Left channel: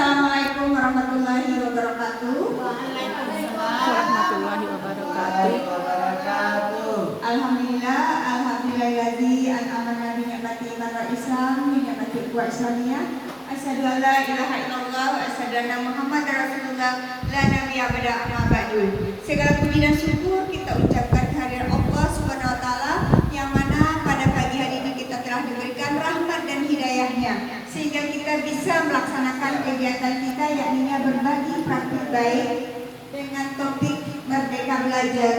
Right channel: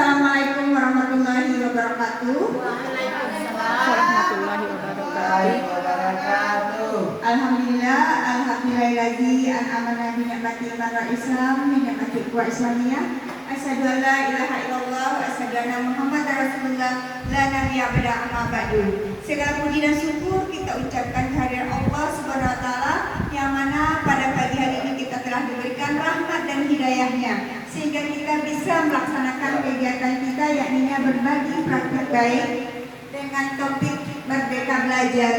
Assalamualaikum warahmatullahi wabarakatuh. Warahmatullahi wabarakatuh. Alhamdulillah, alhamdulillahi an'amana bi ni'mati iman Islam, bi ni'mati ukhuwah Islamiyah. Asyhadu an la ilaha illallah wa asyhadu anna Muhammadar Rasulullah la nabiyya ba'da amma ba'du. Segala puji dan syukur kita ucapkan kehadirat Allah Subhanahu wa taala yang mana pada pagi hari ini kita telah diberikan rahmat dan hidayahnya sehingga kita bisa melaksanakan kegiatan kita yakni berbagi praktik baik dengan topik Merdeka Belajar.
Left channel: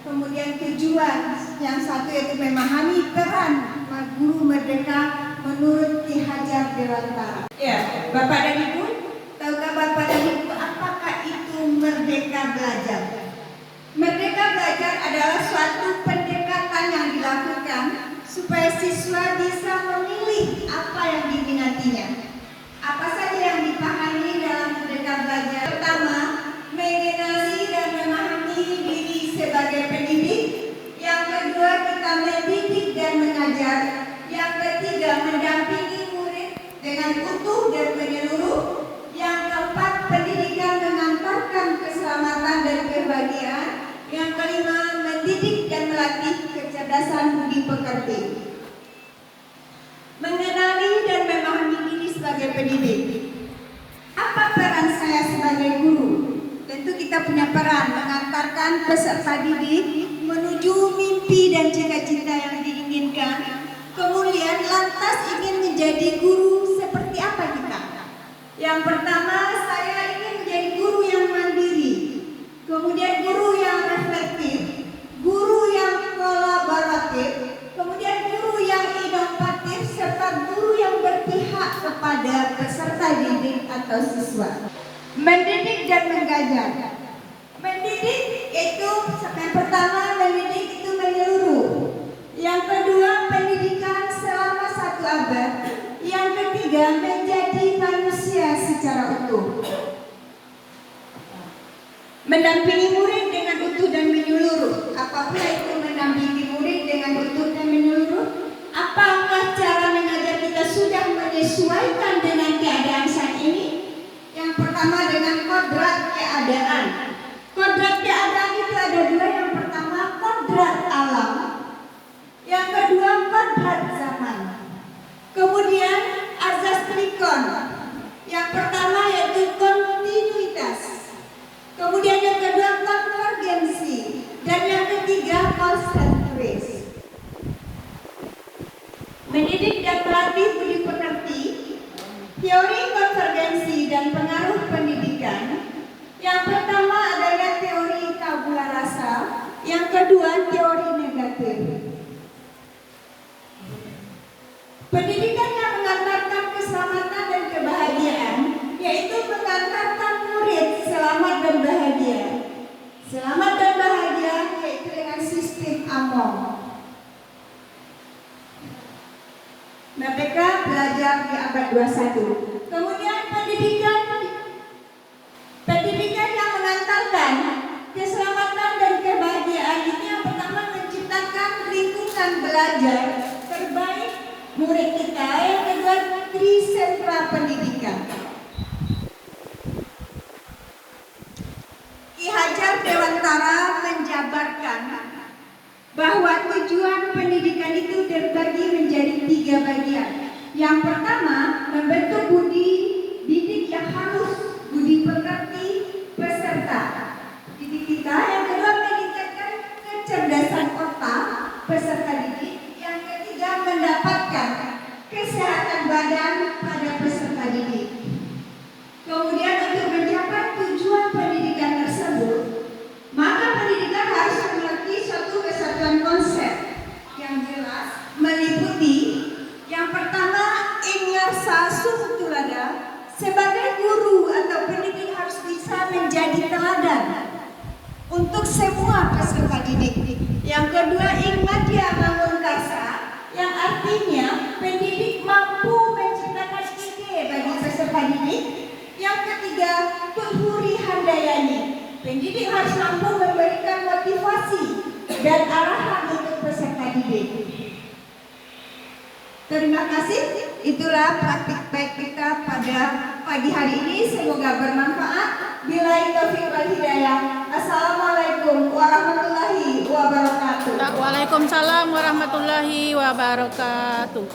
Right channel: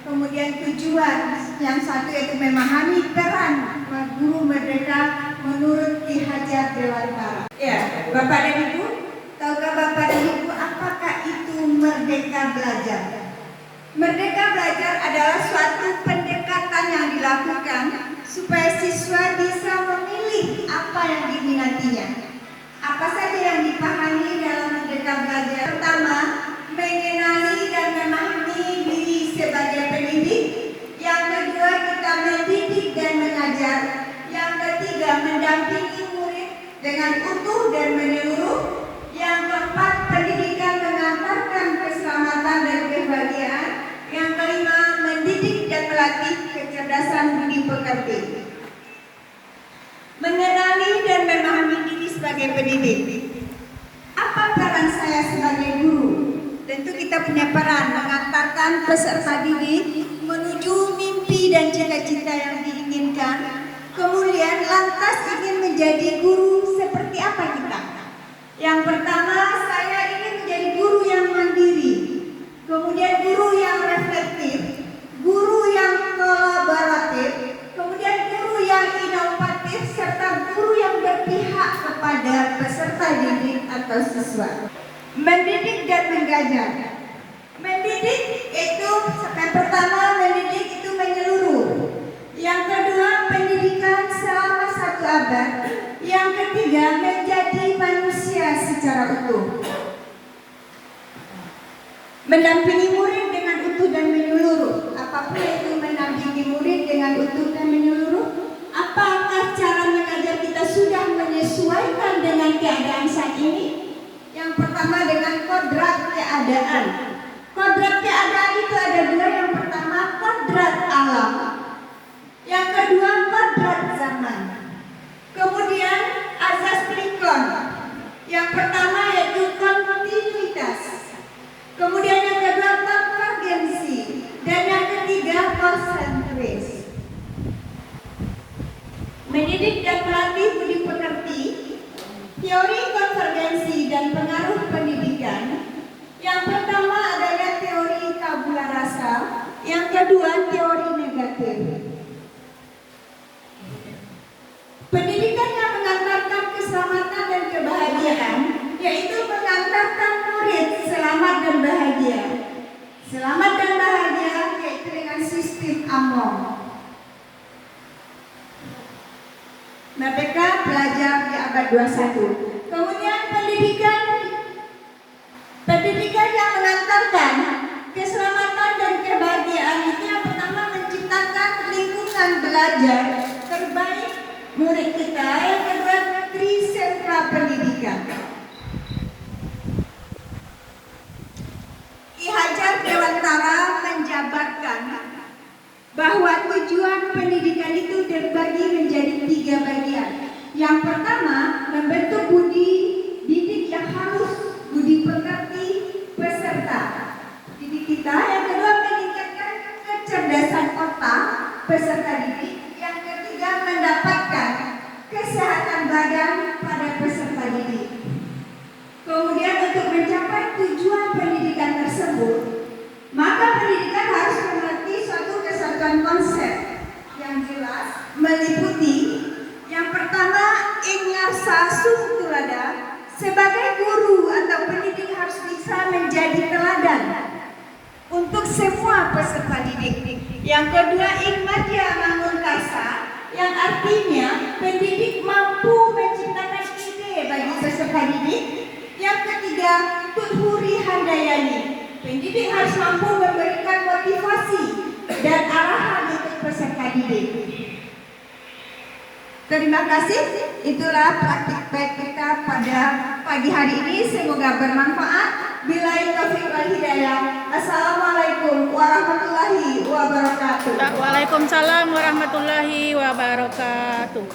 Kemudian tujuan yang satu yaitu memahami peran guru merdeka menurut Ki Hajar Dewantara. Ya, Bapak dan Ibu, tahukah Bapak dan Ibu apakah itu Merdeka Belajar? Merdeka Belajar adalah suatu pendekatan yang dilakukan supaya siswa bisa memilih apa yang diminatinya. Apa saja yang dipahami dalam Merdeka Belajar? Pertama, mengenali dan memahami diri sebagai pendidik. Yang kedua, kita mendidik dan mengajar. Yang ketiga, mendampingi murid dengan utuh dan menyeluruh. Yang keempat, pendidikan mengantarkan keselamatan dan kebahagiaan. Yang kelima, mendidik dan melatih kecerdasan budi pekerti. Mengenali dan memahami diri sebagai pendidik. Apa peran saya sebagai guru? Tentu kita punya peran mengantarkan peserta didik menuju mimpi dan cita-cita yang diinginkan. Kemudian lantas ingin menjadi guru seperti apa kita? Yang pertama, saya ingin menjadi guru yang mandiri. Kemudian guru yang reflektif, guru yang kolaboratif, kemudian guru yang inovatif, serta guru yang berpihak kepada peserta didik atau siswa. Mendidik dan mengajar. Mendidik itu yang pertama, mendidik itu menyeluruh. Yang kedua, pendidikan selama 1 abad. Yang ketiga, menjadi manusia secara utuh. Mendampingi murid dengan utuh dan menyeluruh. Apapun itu mendampingi murid dengan utuh dan menyeluruh. Apakah cara mengajar kita sudah menyesuaikan dengan keadaan saat ini? Yang pertama dengan kodrat keadaan. Kodrat keadaan itu ada 2. Yang pertama kodrat alam. Yang kedua kodrat zaman. Kemudian azas trikon. Yang pertama yaitu kontinuitas. Kemudian yang kedua konvergensi. Dan yang ketiga konsentrasi. Mendidik dan melatih budi pekerti. Teori konvergensi dan pengaruh pendidikan. Yang pertama adalah teori tabula rasa. Yang kedua teori negatif. Pendidikan yang mengantarkan keselamatan dan kebahagiaan, yaitu mengantarkan murid selamat dan bahagia. Selamat dan bahagia yaitu dengan sistem AMOM. Merdeka Belajar di abad 21. Kemudian pendidikan yang mengantarkan keselamatan dan kebahagiaan itu yang pertama menciptakan lingkungan belajar terbaik murid kita. Yang kedua trisentra pendidikan. Ki Hajar Dewantara menjabarkan bahwa tujuan pendidikan itu terbagi menjadi 3 bagian. Yang pertama, membentuk budi didik yang halus, budi pekerti peserta didik kita. Yang kedua, meningkatkan kecerdasan otak peserta didik. Yang ketiga, mendapatkan kesehatan badan pada peserta didik. Kemudian untuk mencapai tujuan pendidikan tersebut, maka pendidikan harus memiliki suatu kesatuan konsep yang jelas, meliputi yang pertama ingarsa sumturada. Sebagai guru atau pendidik harus bisa menjadi teladan untuk semua peserta didik. Yang kedua ingmadya manguntasa, yang artinya pendidik mampu menciptakan ide bagi peserta didik. Yang ketiga tuhuri handayani, pendidik harus mampu memberikan motivasi dan arahan untuk peserta didik. Terima kasih. Itulah praktik kita pada pagi hari ini. Semoga bermanfaat. Billahi taufiq wal hidayah. Assalamualaikum warahmatullahi wabarakatuh. Waalaikumsalam warahmatullahi wabarakatuh.